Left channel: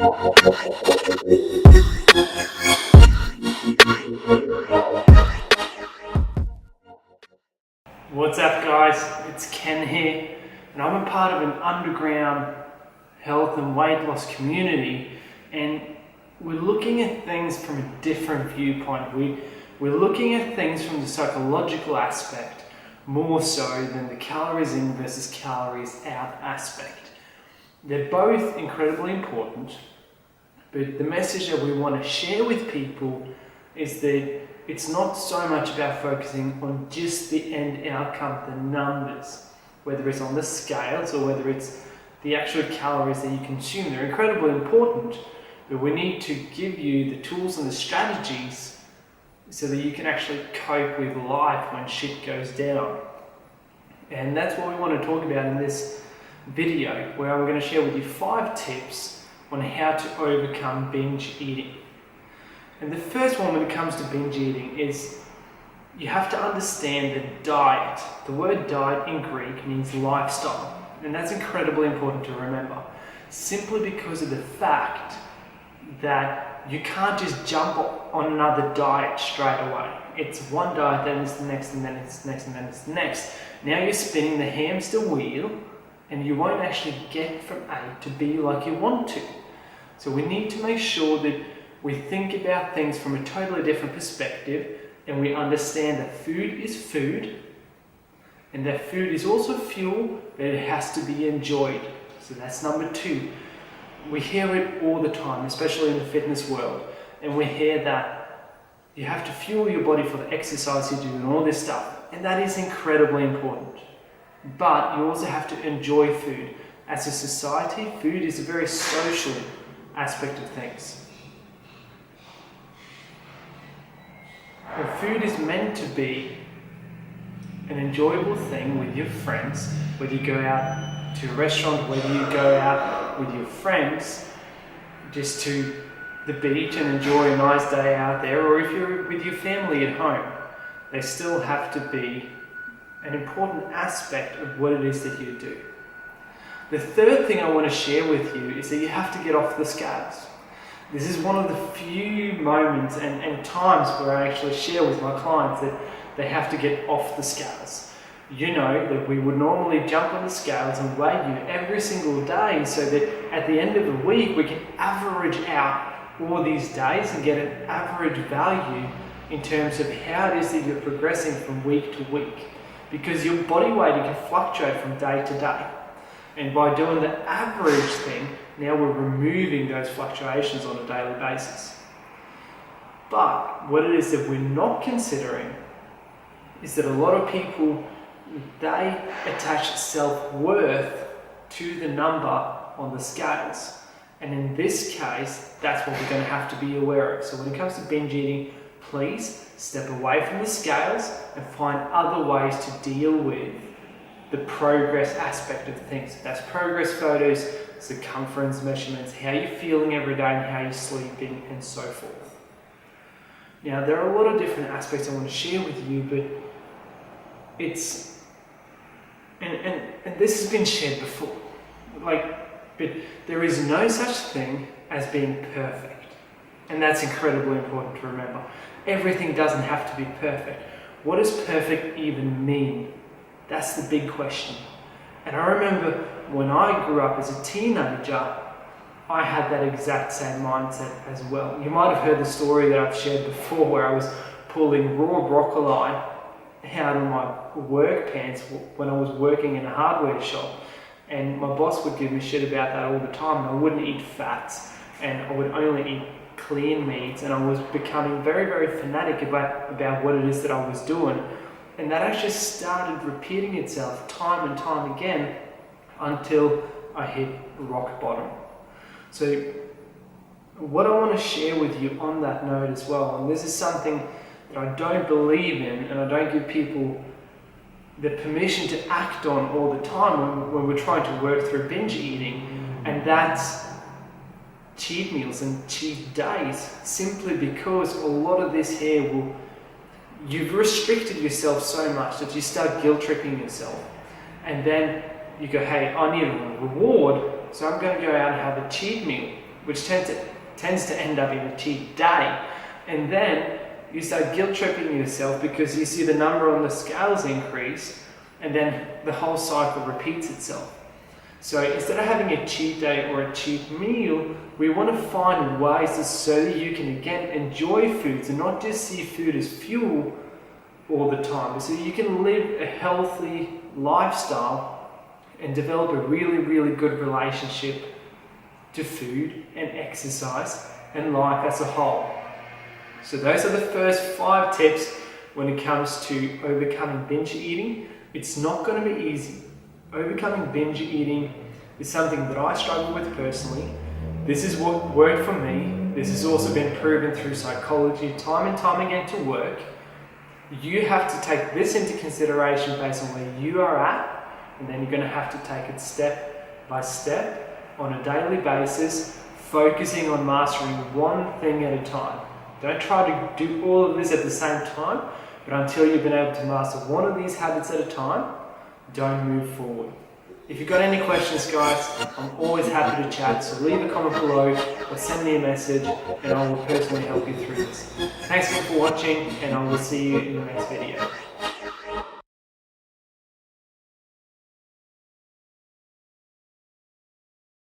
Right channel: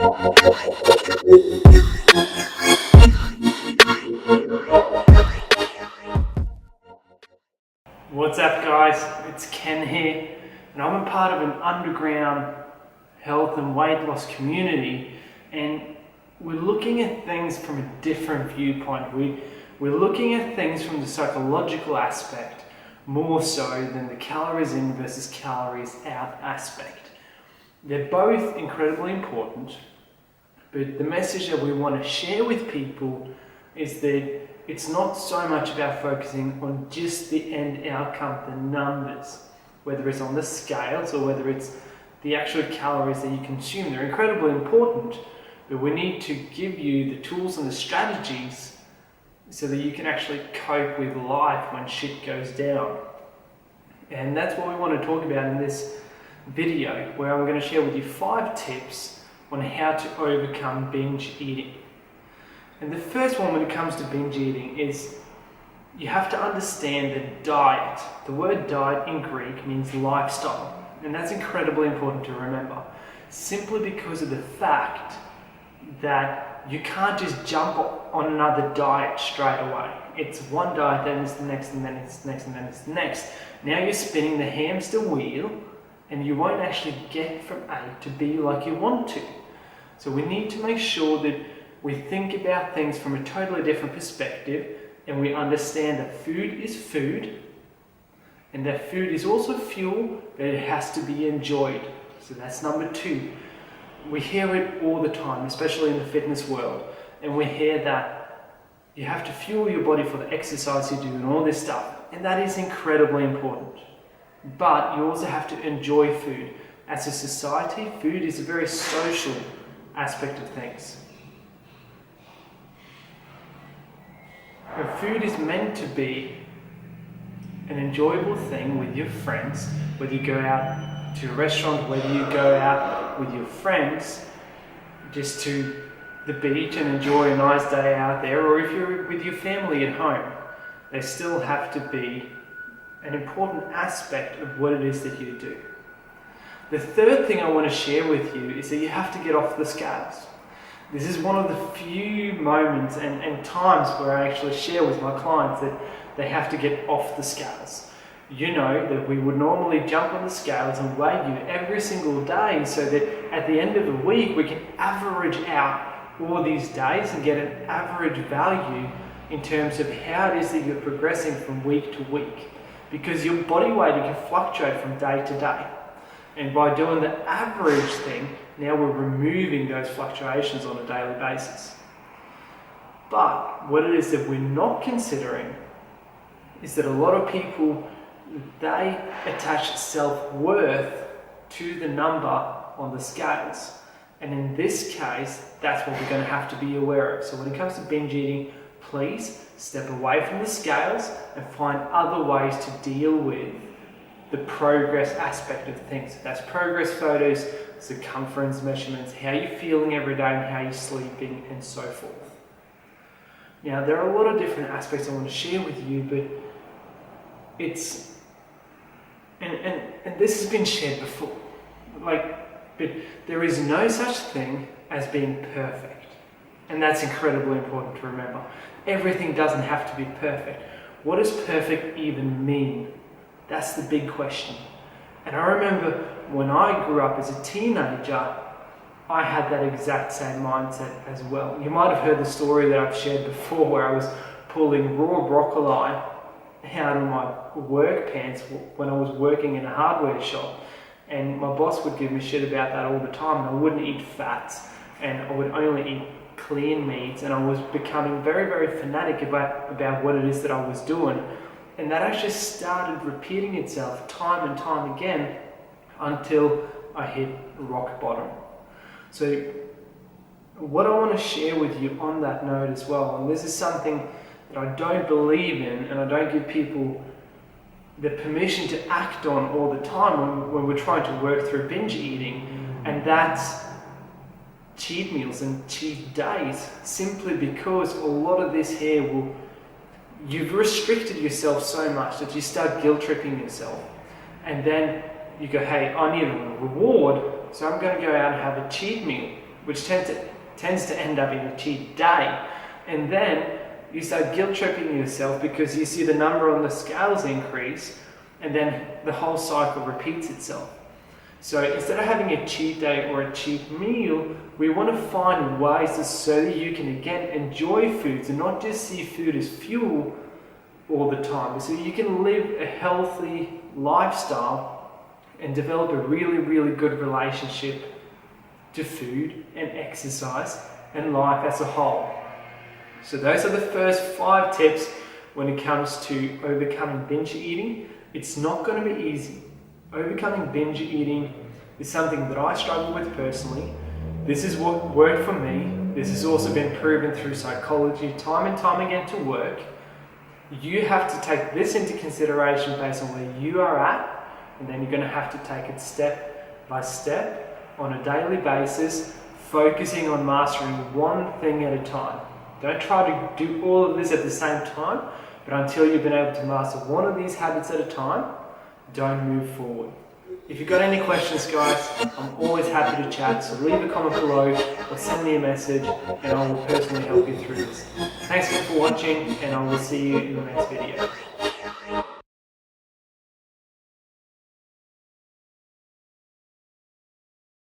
What's up guys, it's Ken here, and I'm a part of an underground health and weight loss community, and we're looking at things from a different viewpoint. We're looking at things from the psychological aspect more so than the calories in versus calories out aspect. They're both incredibly important, but the message that we want to share with people is that it's not so much about focusing on just the end outcome, the numbers, whether it's on the scales or whether it's the actual calories that you consume. They're incredibly important, but we need to give you the tools and the strategies so that you can actually cope with life when shit goes down. And that's what we want to talk about in this video, where I'm going to share with you 5 tips on how to overcome binge eating. And the first one when it comes to binge eating is you have to understand that diet, the word diet in Greek means lifestyle, and that's incredibly important to remember, simply because of the fact that you can't just jump on another diet straight away. It's one diet, then it's the next, and then it's the next, and then it's the next. Now you're spinning the hamster wheel, and you won't actually get from A to B like you want to. So we need to make sure that we think about things from a totally different perspective, and we understand that food is food, and that food is also fuel, but it has to be enjoyed. So that's number 2. We hear it all the time, especially in the fitness world, and we hear that you have to fuel your body for the exercise you do and all this stuff, and that is incredibly important. But you also have to enjoy food. As a society, food is a very social aspect of things. And food is meant to be an enjoyable thing with your friends, whether you go out to a restaurant, whether you go out with your friends just to the beach and enjoy a nice day out there, or if you're with your family at home. They still have to be an important aspect of what it is that you do. The third thing I want to share with you is that you have to get off the scales. This is one of the few moments and times where I actually share with my clients that they have to get off the scales. You know that we would normally jump on the scales and weigh you every single day so that at the end of the week we can average out all these days and get an average value in terms of how it is that you're progressing from week to week. Because your body weight can fluctuate from day to day. And by doing the average thing, now we're removing those fluctuations on a daily basis. But what it is that we're not considering is that a lot of people, they attach self-worth to the number on the scales. And in this case, that's what we're going to have to be aware of. So when it comes to binge eating, please step away from the scales and find other ways to deal with the progress aspect of things. That's progress photos, circumference measurements, how you're feeling every day and how you're sleeping, and so forth. Now, there are a lot of different aspects I want to share with you, but it's, and this has been shared before, but there is no such thing as being perfect. And that's incredibly important to remember. Everything doesn't have to be perfect. What does perfect even mean? That's the big question. And I remember when I grew up as a teenager, I had that exact same mindset as well. You might have heard the story that I've shared before where I was pulling raw broccoli out of my work pants when I was working in a hardware shop. And my boss would give me shit about that all the time. And I wouldn't eat fats, and I would only eat clean meats, and I was becoming very, very fanatic about what it is that I was doing. And that actually started repeating itself time and time again until I hit rock bottom. So what I want to share with you on that note as well, and this is something that I don't believe in and I don't give people the permission to act on all the time when we're trying to work through binge eating, and that's cheat meals and cheat days, simply because a lot of this here you've restricted yourself so much that you start guilt tripping yourself, and then you go, hey, I need a reward, so I'm going to go out and have a cheat meal. which tends to end up in a cheat day. And then you start guilt tripping yourself because you see the number on the scales increase, and then the whole cycle repeats itself. So instead of having a cheat day or a cheat meal, we want to find ways so that you can again enjoy foods and not just see food as fuel all the time. So you can live a healthy lifestyle and develop a really, really good relationship to food and exercise and life as a whole. So those are the first 5 tips when it comes to overcoming binge eating. It's not going to be easy. Overcoming binge eating is something that I struggle with personally. This is what worked for me. This has also been proven through psychology time and time again to work. You have to take this into consideration based on where you are at, and then you're going to have to take it step by step on a daily basis, focusing on mastering one thing at a time. Don't try to do all of this at the same time, but until you've been able to master one of these habits at a time, don't move forward. If you've got any questions, guys, I'm always happy to chat, so leave a comment below or send me a message and I will personally help you through this. Thanks again for watching, and I will see you in the next video.